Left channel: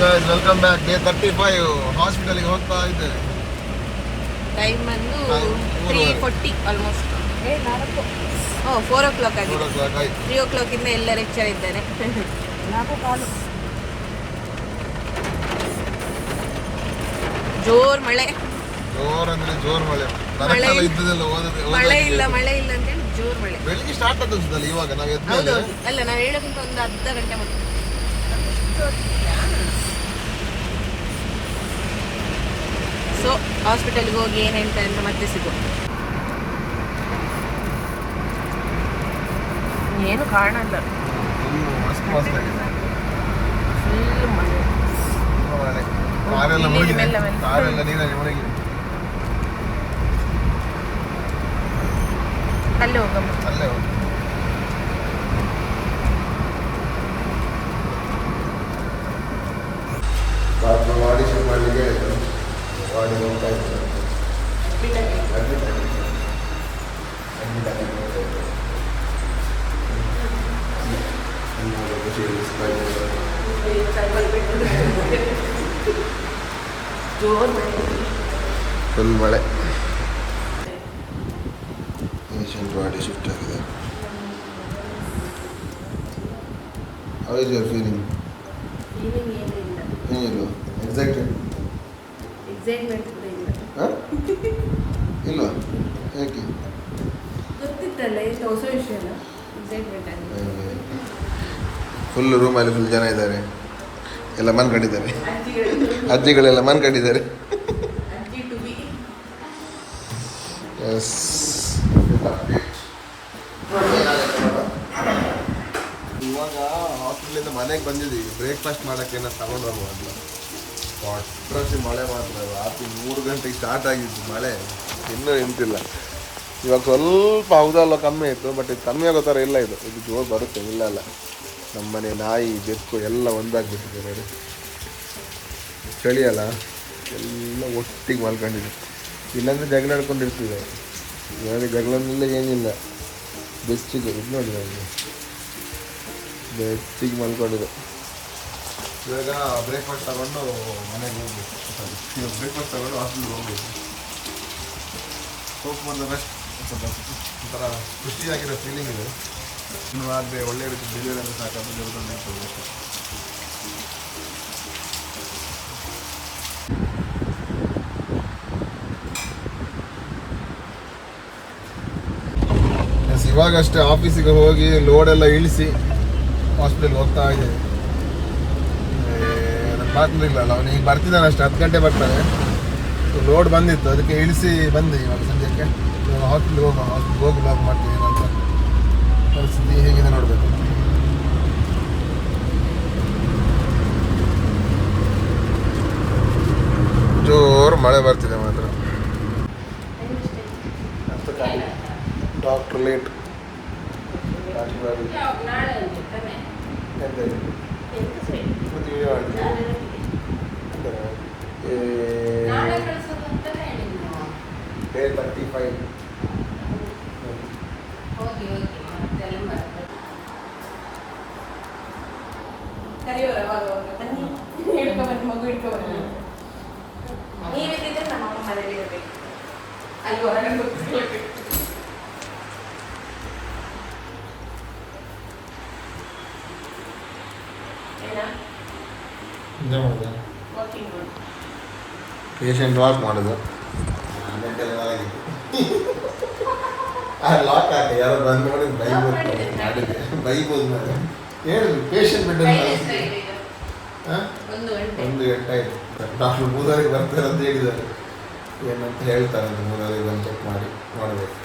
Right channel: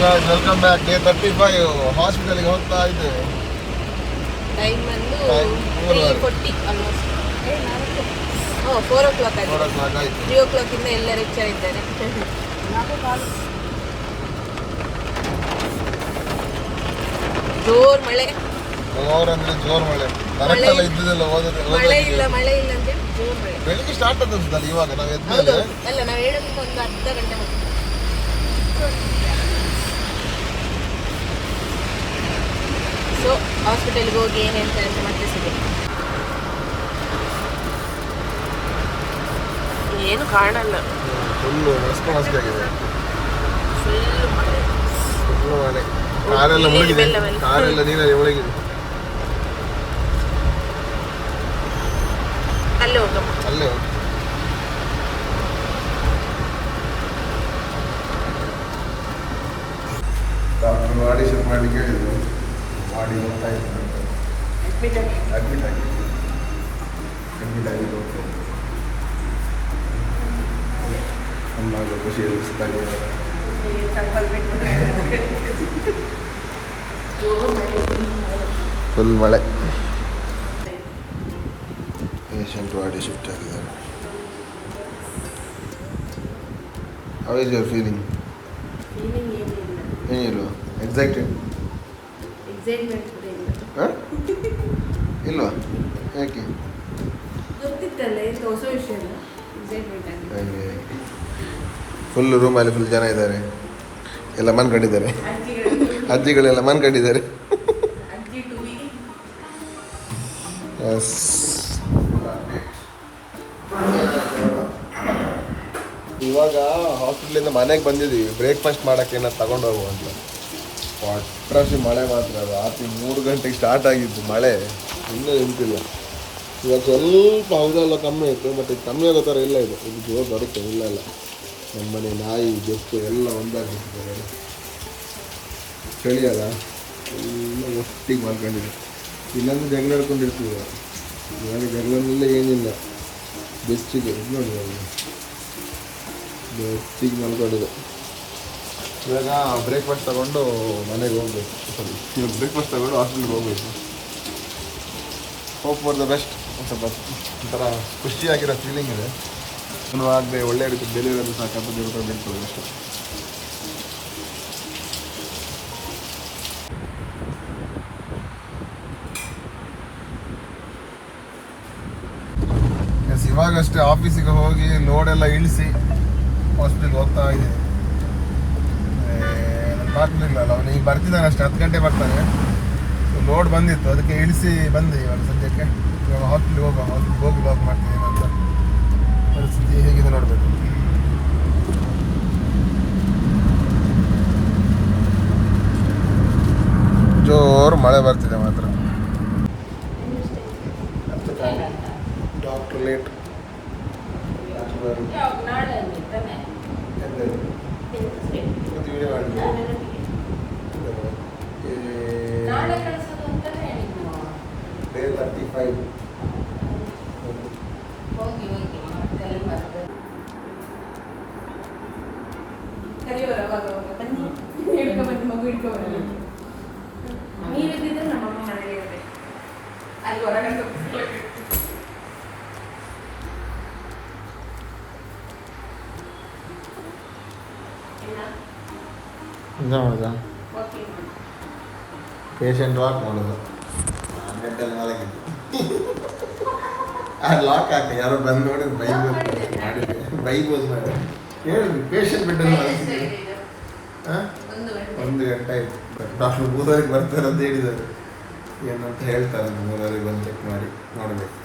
guys, welcome back. Day 35 ಹಾಸ್ಪಿಟಲ್ಗೆ ಹೋಗ್ತಾ ಇದ್ದೇವೆ. ಟೈಮ್ ಅನ್ನು 3:40 ಆಲ್ಮೋಸ್ಟ್. 4 o'clock ಆಗಿದೆ. 4 o'clock ಆಯ್ತು. 3 o'clock ಇಂದ ಎಲ್ಲರೂ ಎಚ್ಚರಿದ್ದಾರೆ. ಜೋರ್ ಮಳೆ. ಜೋರಂದ್ರೆ ಜೋರ್ ಮಳೆ. ಕರೆಕ್ಟ್ ಆಗಿ ಇದ್ದದಲ್ಲ ಮಳೆ ಇಲ್ಲ ಅಂತ ಹೇಳಿ ಜೋರ್ ಮಳೆ. ಬೆಳಿಗ್ಗೆ ಸ್ಟಾರ್ಟ್ ಆಗ್ತದಲ್ಲ ಇವಾಗ ನಾವು ಎದ್ದ ಹೌದು. ಅಲ್ಲ ನಾವು ಹೇಳೋಕ್ಕಿಂತ ಒಂದು ಅರ್ಧ ಗಂಟೆ ಮುಂಚೆ. ಸೊ ಹಾಸ್ಪಿಟಲ್ಗೆ ಹೋಗಿ ಏನು ಹೇಳ್ತಾರೆ ಅಂತ ಮತ್ತೆ ಸಿಗುತ್ತೆ. ಏನು ಕಾಣಲ್ಲ. ಫುಲ್ ಮಳೆ. ಕಾರೆಲ್ಲ ಮುಳುಗಿದೆ. ಕಾರೆಲ್ಲ ನೀರಲ್ಲಿ ಮುಳುಗಿದೆ. ಅಲ್ಲೇ ಹೋಗಮ್ಮ. ಅಲ್ಲೇ ಹೋಗಿ. ಡಾಕ್ಟರ್ ಆಡಿಷನ್ ಮಾಡಲಿಕ್ಕೆ ಹೇಳಿದ್ರು. ಬಾಡಿ ನೋಡ್ತಾ ಇತ್ತು. ಅಡ್ಮಿಟ್ ಆಗಿ ಹೋಗ್ತಾ ಇತ್ತು. ಖುಷಿ ಇರಿಸ್ತಾ ಇದ್ದಾರೆ. ಫುಲ್ ಮಳೆ. ಪೇಷಂಟ್ ಬಾಡಿ ಶಿಫ್ಟ್ ಆಗಿದ್ದಾರೆ. How is your feeling? ಏನಿಲ್ಲ. ಎಕ್ಸೈಟ್ಮೆಂಟ್ ಕೂಡ ಇಲ್ಲ. ಇಲ್ವಾ? ಯಾಕೆ? ಗೊತ್ತಿತ್ತಲ್ಲ, ಎಂತ ಹೊಸ ವಿಷಯ ಅಲ್ಲ. ಎಕ್ಸೈಟ್ಮೆಂಟ್ ಆಗಿದೆ. ಫುಲ್ ರೂಮಲ್ಲಿ ಫುಲ್ ಜನ ಇದ್ದಾರೆ. ಎಲ್ಲ ಮನ್ಕೊಂಡಿದ್ದಾರೆ. ಅಜ್ಜಿಗಳೆಲ್ಲ ಮನ್ಕೊಂಡಿದ್ದಾರೆ. ಎಸ್. ಇವಾಗ ಹಾಸ್ಪಿಟ್ಲಿಂದ ಮನೆಗೆ ಬಂದಿದ್ದೀವಿ. ಬ್ರೇಕ್ಫಾಸ್ಟ್ ಮಾಡೋಕ್ಕೆ ಏನಾದ್ರು ತಗೊಂಡು ಹೋಗುವ ಅಂತ. ಅಟ್ರಾಸಿ ಮಳೆ ಮಾತ್ರ. ಅದು ರಾತ್ರಿ 3 ಗಂಟೆಗೆ ಸ್ಟಾರ್ಟ್ ಆಗಿದ್ದು ಮಳೆ, ಇನ್ನೂ ನಿಂತಿಲ್ಲ. ಇವಾಗ ಸ್ವಲ್ಪ ಹೌದಲ್ಲ ಕಮ್ಮಿ ಆಯಿತು, ಬಟ್ ಇದು ಕಮ್ಮಿ ಆಗೋ ಥರ ಇಲ್ಲ. ಇದು ಜೋರು ಬರುತ್ತೆ. ಇಲ್ಲ ನಮ್ಮನೆ ನಾಯಿ ಬೆಕ್ಕು ಎಲ್ಲ ಒಂದಾಗ್ಬಿಟ್ಟಿದ್ದಾರೆ. ಚಳಿ ಅಲ್ಲ, ಎಲ್ಲ ಒಟ್ಟಿಗೆ ಮಲ್ಕೊಂಡಿದೆ. ಇಲ್ಲಾಂದರೆ ಜಗಳ ಆಡ್ಕೊಂಡಿರ್ತೀವಿ. ನನಗೆ ಜಗಳನಿಲ್ಲ ಏನಿಲ್ಲ. ಬೆಚ್ಚಿಗೆ ಇದು ನೋಡಿ, ಬೆಚ್ಚಿಗೆ ಮಲ್ಕೊಂಡಿದೆ. ಇವಾಗ ಬ್ರೇಕ್ಫಾಸ್ಟ್ ತಗೊಂಡು ಮನೆಗೆ ಹೋಗ್ಬೇಕು. ಇವಾಗ ಬ್ರೇಕ್ಫಾಸ್ಟ್ ತಗೊಂಡು ಹಾಸ್ಪಿಟ್ಲಿಗೆ ಹೋಗ್ಬೇಕು. Hope for the best. ಸ್ವಲ್ಪ ಒಂಥರ ಖುಷಿಯಾಗಿರೋ ಫೀಲಿಂಗ್ ಇದೆ. ಇನ್ನೂ ಆಗದೆ ಒಳ್ಳೆ ರೀತಿ ಡೆಲಿವರಿ ಅದು ಸಾಕಂತ ದೇವರ ನಿಲ್ತದೆ ಅಷ್ಟೇ. ಇವಾಗಷ್ಟೇ ಆಫೀಸಿಗೆ ಹೋಗಿ ಲೋಡೆಲ್ಲ ಇಳಿಸಿ ಹಾಸ್ಪಿಟಲ್ಗೆ ಹೋಗ್ತಾ ಇದ್ದೀವಿ. ಬರ್ತಿಲ್ಲ ಅವನು ಈಗ ಬರ್ತಿದ್ದಾನೆ ಅಷ್ಟೇ. 10 ಗಂಟೆ ಬರ್ತಾನೆ. ಲೋಡ್ ಬಂದಿತ್ತು, ಅದಕ್ಕೆ ಇಳಿಸಿ ಬಂದು ಇವಾಗ ಸದ್ಯಕ್ಕೆ. ಇವಾಗ ಹಾಸ್ಪಿಟ್ಲಿಗೆ ಹೋಗಿ ಲಾಕ್ ಮಾಡ್ತೀನಿ ಅಂತ. ಪರಿಸ್ಥಿತಿ ಹೇಗಿದೆ ನೋಡಬೇಕು. ಜೋರು ಮಳೆ ಬರ್ತಿದೆ ಮಾತ್ರ. Doctor late. Day 35. Patient walk ಮಾಡೋದು. ಲಾಕ್ ಹಾಕಿ ಯಾರೋ ಬಂದು ನೋಡಿ ಬೈಬೋದು ಮಾಡಿ ಹೇಳಿದ್ರು. ಪೇಷಂಟ್ ಬಿಟ್ಟು 1 ಗಂಟೆ ಆಯಿತು. ಡಾಕ್ಟರ್ 3:30ಗೆ ಬರ್ತಾರೆ ಅಂತ ಹೇಳಿದ್ದಾರೆ. ಏನಂತ ಹೇಳ್ತಾರೆ ಅಂತ 3:30ಗೆ ಬಂದು ಚೆಕ್ ಮಾಡಿ ನೋಡಬೇಕು.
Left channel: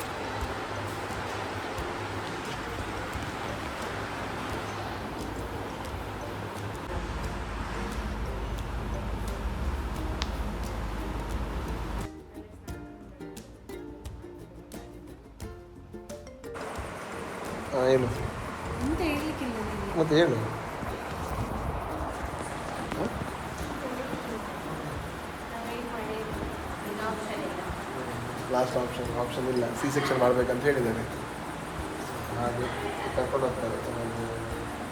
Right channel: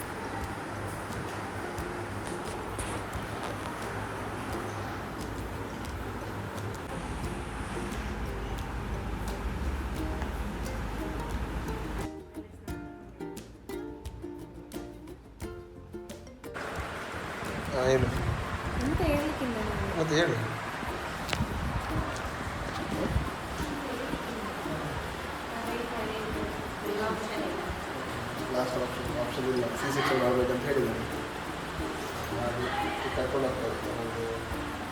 ಏನು ಮತ್ತೆ ಹೇಳು. ಲಾಸ್ಟ್ ಆಪ್ಷನ್ ಇಲ್ಲ. C-section ಮಾಡಬೇಕಂತ ಹೇಳಿದ್ದಾರೆ. ಹಾಗೆ ಕರ್ಕೊಂಡು ಹೋಗ್ತಾರೆ ಒಂದು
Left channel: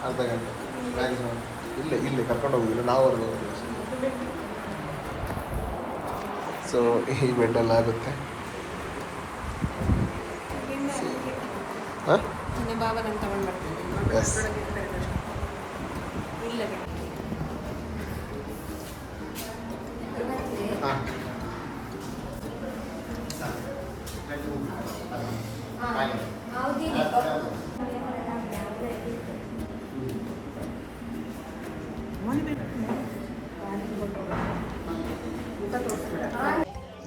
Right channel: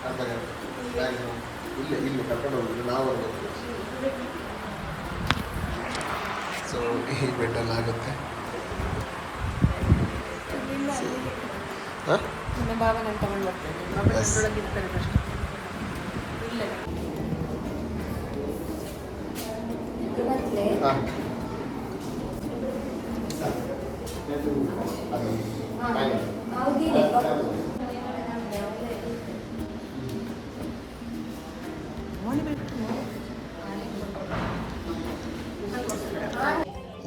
ಅರ್ಧ ಗಂಟೆ ಮ್ಯಾಕ್ಸಿಮಮ್. ಇಲ್ಲಿ ಕರ್ಕೊಂಡು ಹೋಗಿಲ್ಲ ನಾವು ಅಲ್ಲಿ ಸೊ ಈ ಬೆಡ್ಡೆಲ್ಲ ಆಗುತ್ತೆ. ಹಾಂ ನನ್ನ ಭಾವ ನಾನು ತಗೊಂಡು ಬರ್ತೇನೆ. ಎಸ್ ಇಲ್ಲ ಹಾಂ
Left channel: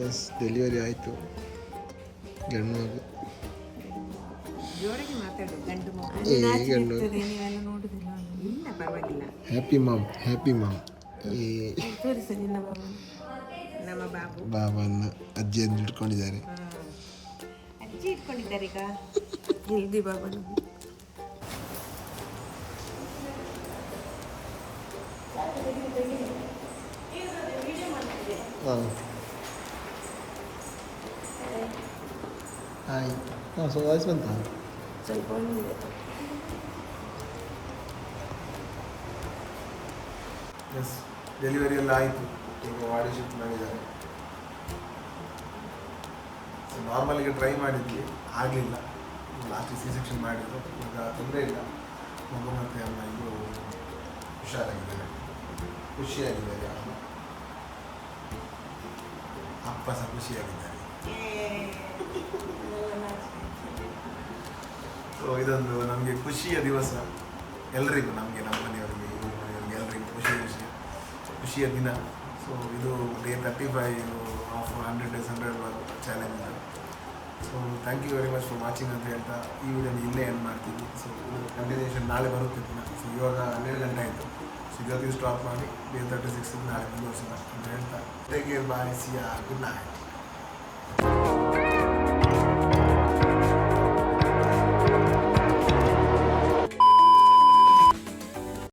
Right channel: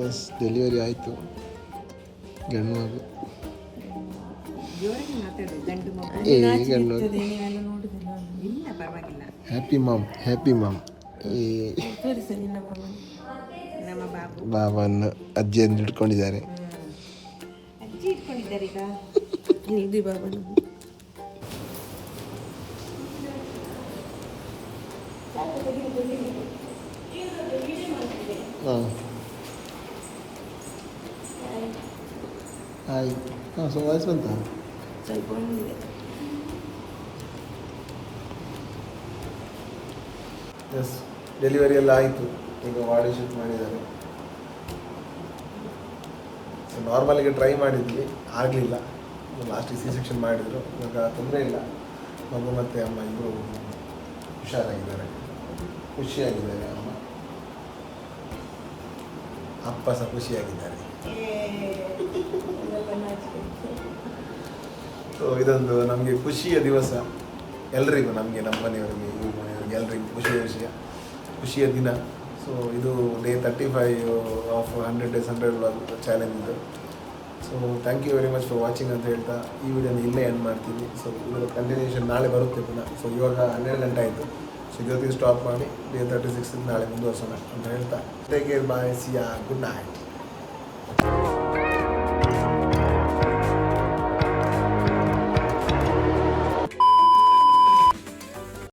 ಎಸ್ ಡೆಲಿವರಿ ಆಯಿತು ಗಂಡು ಮಗು. ಜೋರಾಗಿ ಮಾತಾಡು. ಗಂಡು ಮಗು ಏ ಗಂಡು ನೀವೆಲ್ಲ ನೋಡುದಿಲ್ಲ. ಇಲ್ಲ ಪರವಾಗಿಲ್ಲ. ಹ್ಯಾಪಿ ಮಾಮ್ ಈ ತೋರಿಸ ನಿನ್ನ ಮಗುವನ್ನು. ನಮ್ಮ ಬಾಬು ಬಾಬನ್ನು ಅಜ್ಜಿಯನ್ನು ಹಿಡ್ಕೊಂಡಿದ್ದಾರೆ. ಅಜ್ಜಿ ಇಟ್ಕೊಂಡಿದ್ದಾರೆ ಈಗ. ಇದು ಬಾಬನು. ಹಾಂ ಹಾಯ್ ಹಾಂ ಸೊ ವಾಯ್ಸ್ ಬಂತು. ಸ್ವಲ್ಪ ಒಂದಿದೆ. ಎಸ್ ಡೆಲಿವರಿ ಎಲ್ಲ ಆಯಿತು. ಈಗ ವಾಡಿ ಶಿಫ್ಟ್ ಮಾಡಿದ್ದಾರೆ. ಸೊ ನಾರ್ಮಲಿಗೆ ಟ್ರೈ ಮಾಡಿದ್ವಿ, ಆಗಲಿಲ್ಲ. ಲಾಸ್ಟಿಗೆ ಸಿ ಸೆಕ್ಷನ್ ಮಾಡಿದರು. ಇವಾಗ ತೊಂದರೆ ಇಲ್ಲ. ಮಗು ಮತ್ತು ಅಮ್ಮ ಇಬ್ಬರು ಹುಷಾರಾಗಿದ್ದಾರೆ, ಖುಷಿಯಾಗಿದ್ದಾರೆ. ಅಪ್ಪ ಸಹ ಖುಷಿಯಾಗಿದ್ದಾರೆ. ಸೊ ಇದೊಂದು ನಮಗೆ ಖುಷಿಯ ದಿವಸ ಎಲ್ರಿಗೂ, ನಮಗೆ ನಮ್ಮ ಮನೆಯವರಿಗೆ ಎಲ್ರಿಗೂ ಖುಷಿಯ ದಿನ. ಸೊ ಇದು day 35 of 100 days 100 vlog challenge ಇದು. So thank you very much for watching ಅಂತ ಹೇಳ್ತಾ ಈ ವಿಡಿಯೋನ ಇಲ್ಲೇ ಎಂಡ್ ಮಾಡ್ತೀವಿ. ಸೊ ಇದರ ಕಂಟಿನ್ಯೂಷನ್ ನಾಳೆ ಬರುತ್ತೆ ಪುನಃ. ಸೊ ಇವಾಗ 12 ಗಂಟೆ ಆಯಿತು. ಸೊ ಇವತ್ತಿಗೆ ಸ್ಟಾಪ್ ಮಾಡಿ ಡೇ 36 ನಾಳೆ ಮುಂದುವರ್ಸೋಣ ಅಂತ ಹೇಳ್ತಾ ಟೇಕ್ ಕೇರ್, ಬಾಯ್, ಸಿಯಾ, ಗುಡ್ ನೈಟ್.